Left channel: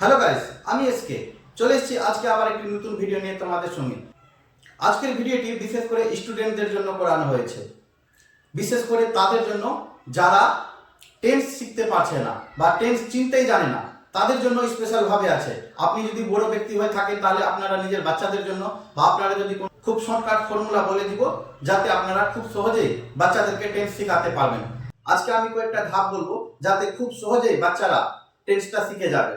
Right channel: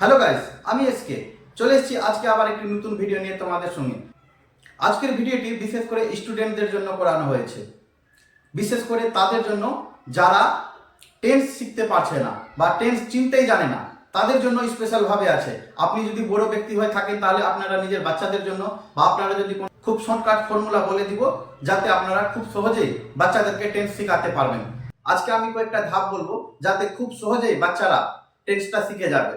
Hello guys, আমি SK চলে এসেছি আজকে আবার একটি নতুন ভিডিও নিয়ে তোমাদের সঙ্গে। আজকের ভিডিওটি বিশেষ করে স্টুডেন্টদের জন্য করানো হয়েছে, বিশেষ করে তাদের জন্য যারা টেন্স শিখতে পারছে না বা টেন্স চিনতেই জানে না, তাদের জন্য স্পেশালভাবে আছে। আপনি যদি বড় ব্যক্তি হয়ে থাকেন তাহলে আপনারা নিজের বাচ্চাদের জন্য বা আপনারা যদি খুব শর্টকাট ফর্মুলা বলে দিব যাতে আপনারা খুব সহজেই বাচ্চাদেরকে টেন্স শেখাতে পারবেন। আজকে আমি কয়েকটা ধাপ বলবো যাতে খুব সহজেই বাচ্চারা টেন্সটা শিখে যাবে।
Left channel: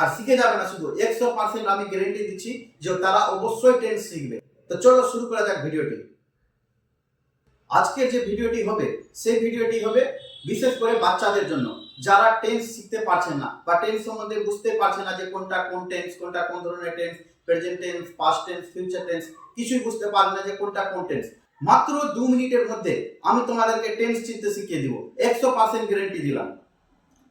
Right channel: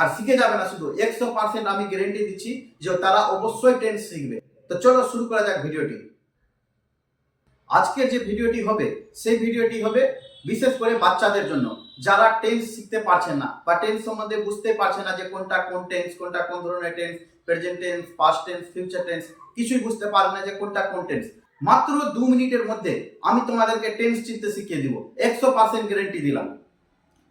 আর শিখে যাবে না শুধু, 100% আমি গ্যারেন্টি দিচ্ছি যে তারা অবশ্যই টেন্স শিখবে। তো চলো শুরু করা যাক ভিডিওটি। আজকের যে ভিডিওটি হবে সেই ভিডিওটি হবে বিশেষ করে বাচ্চাদের জন্য যারা টেন্স শিখতে পারছেন না বা টেন্স সম্বন্ধে বুঝতে পারছে না যে কোনটা কোন টেন্স, কোনটা কোন ধরনের tense, present tense, past tense, future tense, কিছুই বুঝতে পারবে না যে কোনটা কোন টেন্স। মাত্র 2 মিনিটের মধ্যে আমি তোমাদেরকে টেন্স চিনতে শিখিয়ে দিব, 100% গ্যারেন্টি দিলাম।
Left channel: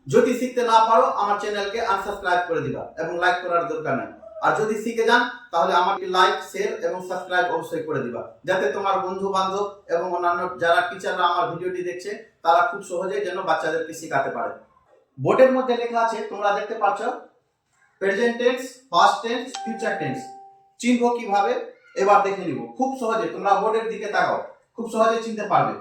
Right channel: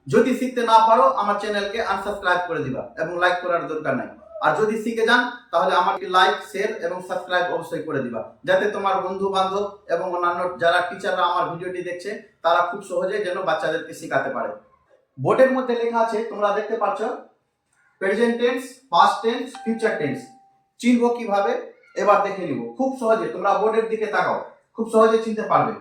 যদি শিখতে না পারো আমার চ্যানেলকে আনসাবস্ক্রাইব করে দিবা এবং লাইক করার দরকার নাই। আর যদি শিখে যান তাহলে আমাকে লাইক, শেয়ার এবং সাবস্ক্রাইব অবশ্যই করে দিবা, যাতে তোমার বন্ধু বান্ধব এবং অন্যান্য যারা টিচাররা আমার ভিডিওটি দেখছে তারা খুব সহজে যেন বাচ্চাদেরকে শেখাতে পারে। বোর্ডের মধ্যে লেখা আছে, তোমরা দেখতে পাচ্ছ, present tense, past tense, future tense. চিনবো কিভাবে এবার দেখে নিব। খুব সহজে তোমরা বোর্ডের দিকে তাকাও, খুব সহজে চিনতে পারবে।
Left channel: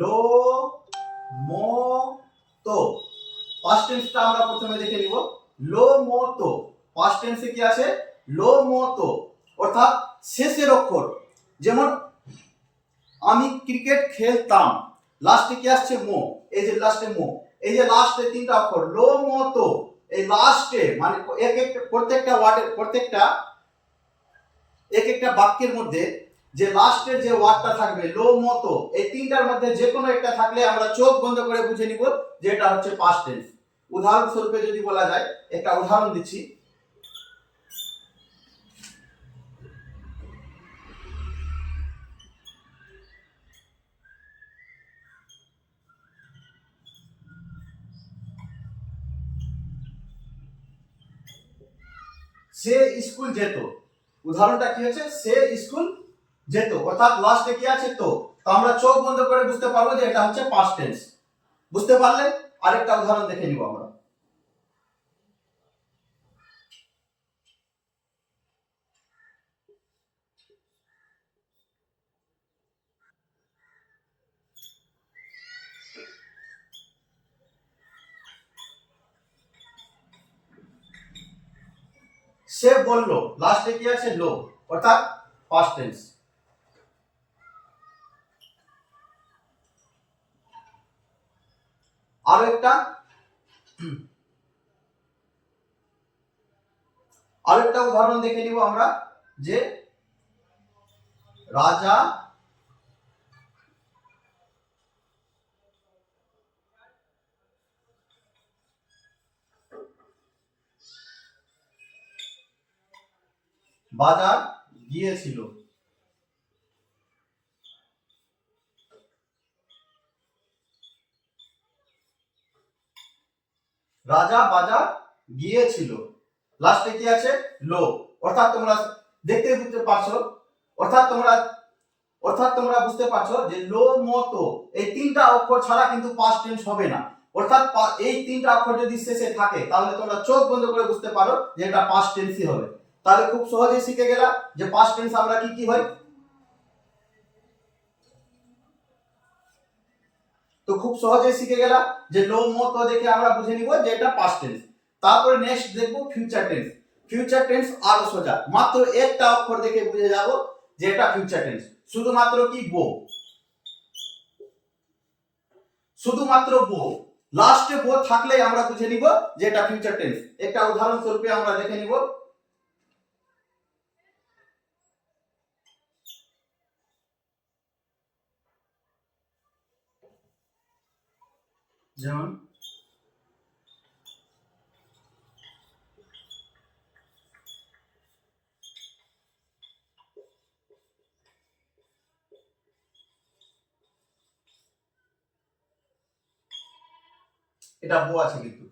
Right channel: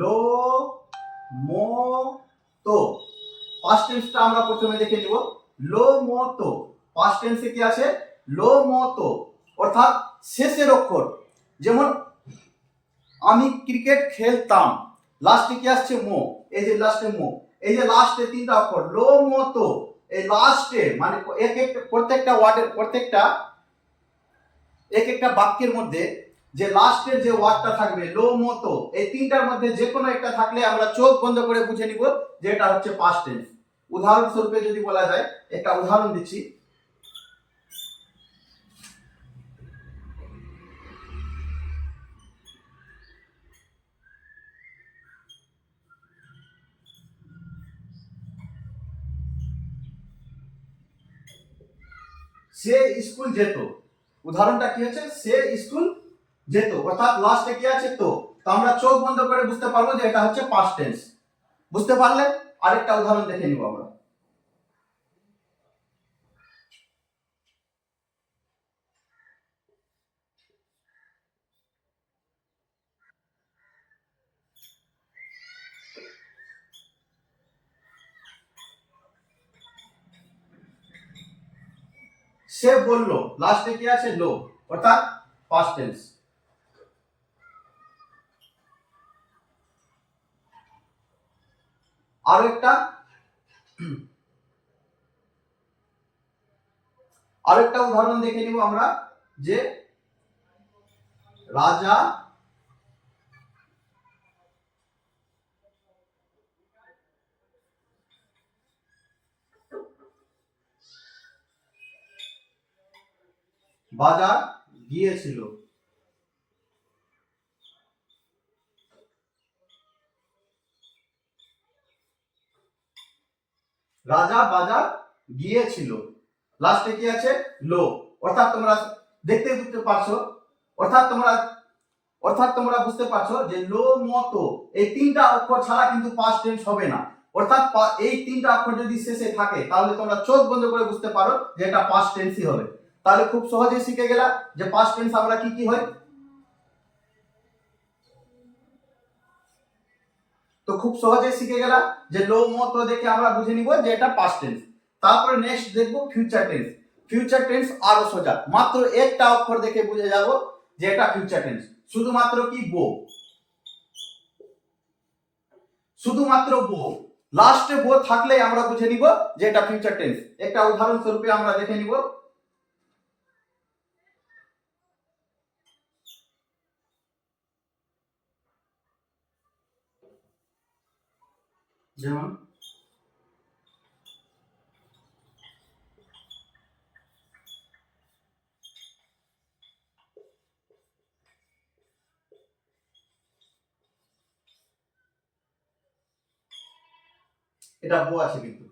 লো মো তো পাস্ট টেন্সটা আমরা প্রথমে দেখে নিব। লো মো তো পাস্ট টেন্সে কি আছে? লো মো তো, অর্থাৎ শেষের অক্ষর। যেমন আমি ক্রিকেট খেলতাম, লাস্টে কি আসছে? মো। এই যে লাস্টে মো, এই যে লাস্টে 3টা অক্ষর লো মো তো, এই লাস্টে মানে এক একটা প্রত্যেকটা ওয়ার্ডের এক একটা বাক্যের মধ্যে যে লাস্টের যে ওয়ার্ডটা থাকবে লো মতো, এই 3টার মধ্যে যে কোনো একটা থাকলে আমরা চোখ বন্ধ করে বুঝে নিব যে এটা হচ্ছে পাস্ট টেন্স। উদাহরণস্বরূপে যদি বলা যায়, একটা উদাহরণ দিচ্ছি। সে স্কুল যেত, উদাহরণটা কি হচ্ছে? সে স্কুল যেত, অর্থাৎ লাস্টে কি আছে? তো। তো আমরা চোখ বন্ধ করে বুঝতে পারবো যে এটা হচ্ছে পাস্ট টেন্স। বুঝতে পারলে আরেকটা উদাহরণ দেখে নিব আমরা। সে বলল, লাস্টে কি আছে? লো, অর্থাৎ পাস্ট টেন্স। আরো একটা আরেকটা উদাহরণ দেখে নিব আমরা, যে রাজা বাজার গিয়েছিল। রাজা বাজার গিয়েছিল, লাস্টে কি আছে? লো, অর্থাৎ তোমরা দেখতে বুঝতে পারছো, অর্থাৎ তোমরা বুঝতে পারছো যে লো মতো এই 3টা অক্ষর ছাড়া কিন্তু পাস্ট টেন্স হবে না। অর্থাৎ এই 3টা অক্ষর যদি শেষে থাকে তাহলে তোমরা চোখ বন্ধ করে বুঝতে পারো যে এটা পাস্ট টেন্সই হবে। তাহলে খুব সহজেই শিখে গেলা যে পাস্ট টেন্স আমরা কি কি হয়। তো খুব সহজেই শিখে গেলা যে লো মতো দেখে আমরা বুঝে নিব যে এটা পাস্ট টেন্স। তারপরে নেক্সট দেখবো ফিউচার টেন্স। ফিউচার টেন্স আরো সোজা, মাত্র একটা অক্ষর দেখে বুঝে যাব যে এটা ফিউচার টেন্স। শুধুমাত্র কি? বো, শুধুমাত্র বো, লাস্টে বো থাকলেই আমরা বুঝে নিব যে এটা ফিউচার টেন্স। একটা উদাহরণ স্বরূপে আমরা দেখে নিব। যেমন এটা বো আছে কিন্তু।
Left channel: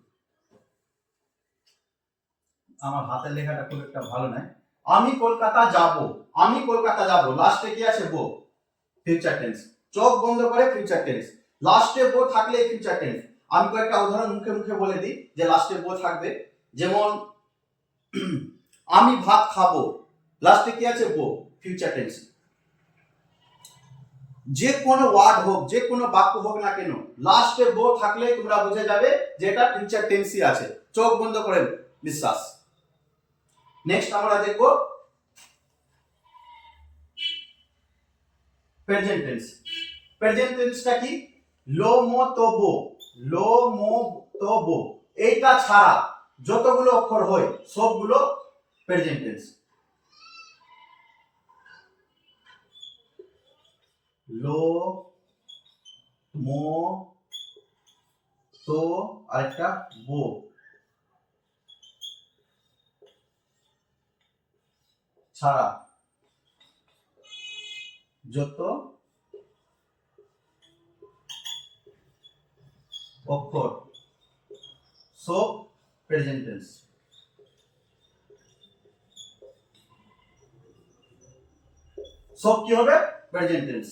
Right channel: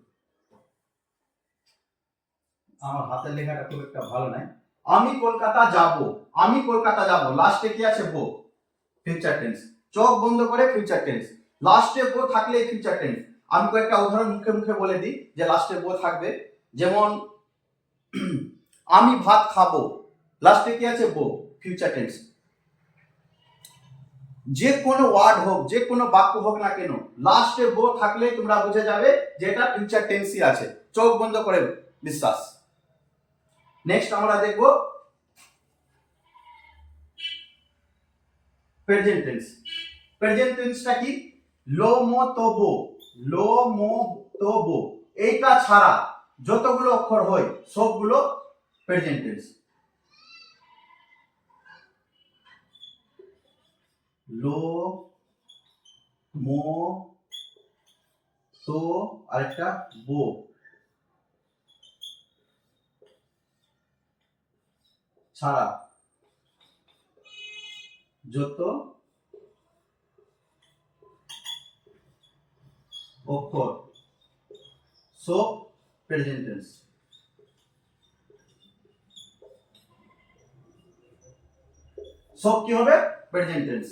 আমার হাতের লেখাটা খুব একটা ভালো নাই। আমি কলকাতা যাব, আমি কলকাতা যাব, লাস্টে কি আছে বো, ফিউচার টেন্স। চোখ বন্ধ করে ফিউচার টেন্স, লাস্টে বো থাকলে ফিউচার টেন্স। আমি কয়েকটা উদাহরণ মুখে মুখে বলে দিই যে লাস্টে বো থাকবে। যেমন আমি ভাত খাবো, লাস্টে কি আছে বো, ফিউচার টেন্স। যে কোনো ওয়ার্ড হোক, যে কোনো বাক্য হোক না কেন, লাস্টে বো থাকলে তোমরা বুঝে যাবে যে এটা ফিউচার টেন্সই আছে। চোখ বন্ধ করে বিশ্বাস। নেক্সট আমরা দেখব প্রেজেন্ট টেন্স। প্রেজেন্ট টেন্সটা কি, লো মো তো বো, লো মো তো বো, এইটা ছাড়া যতগুলো অক্ষর হয় সবগুলো প্রেজেন্ট টেন্স। লো মো তো আরেকটা বো ছাড়া যত অক্ষর সব প্রেজেন্ট টেন্স। সব কি হবে, প্রেজেন্ট টেন্স।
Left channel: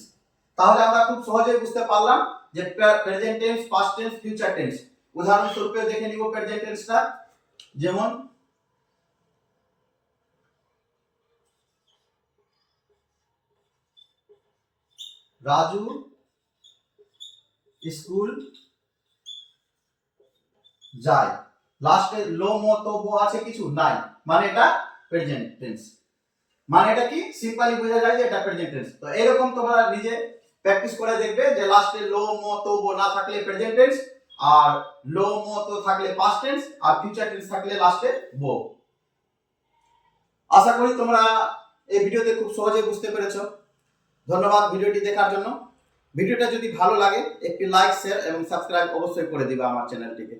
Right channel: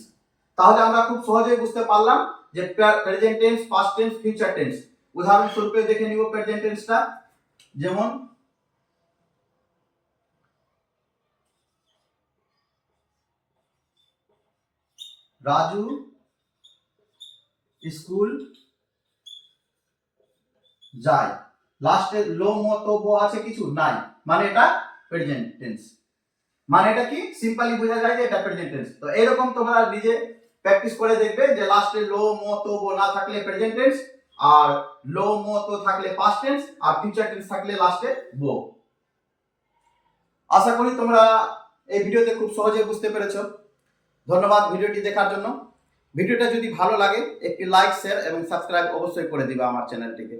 তাহলে আমরা খুব সহজেই বুঝতে পারলাম যে present tense, past tense, future tense. উদাহরণস্বরূপ দেখে নিব প্রেজেন্ট টেন্সটা। যেমন রাজু স্কুল যায়, লাস্টে লো মো তো বো আছে কিছু নাই, মানে এটা প্রেজেন্ট টেন্স। মানে এটা কি সিম্পলি বোঝা যায় যে এটা প্রেজেন্ট টেন্স। তো এরকম তোমরা নিজে প্র্যাকটিস করে দেখবে যে লাস্টে লো মো তো বো না থাকলে প্রেজেন্ট টেন্স, আর লো মো তো থাকলে পাস্ট টেন্স, আর ফিউচার টেন্স থাকলে লাস্টে বো। আশা করি তোমরা এই ভিডিওতে খুব সহজে বুঝতে পেরেছো। ধন্যবাদ ভিডিওটি দেখার জন্য। ভিডিওটা যদি ভালো লাগে একটি লাইক, শেয়ার এবং সাবস্ক্রাইব অবশ্যই করে দিবা আমার চ্যানেলটিকে।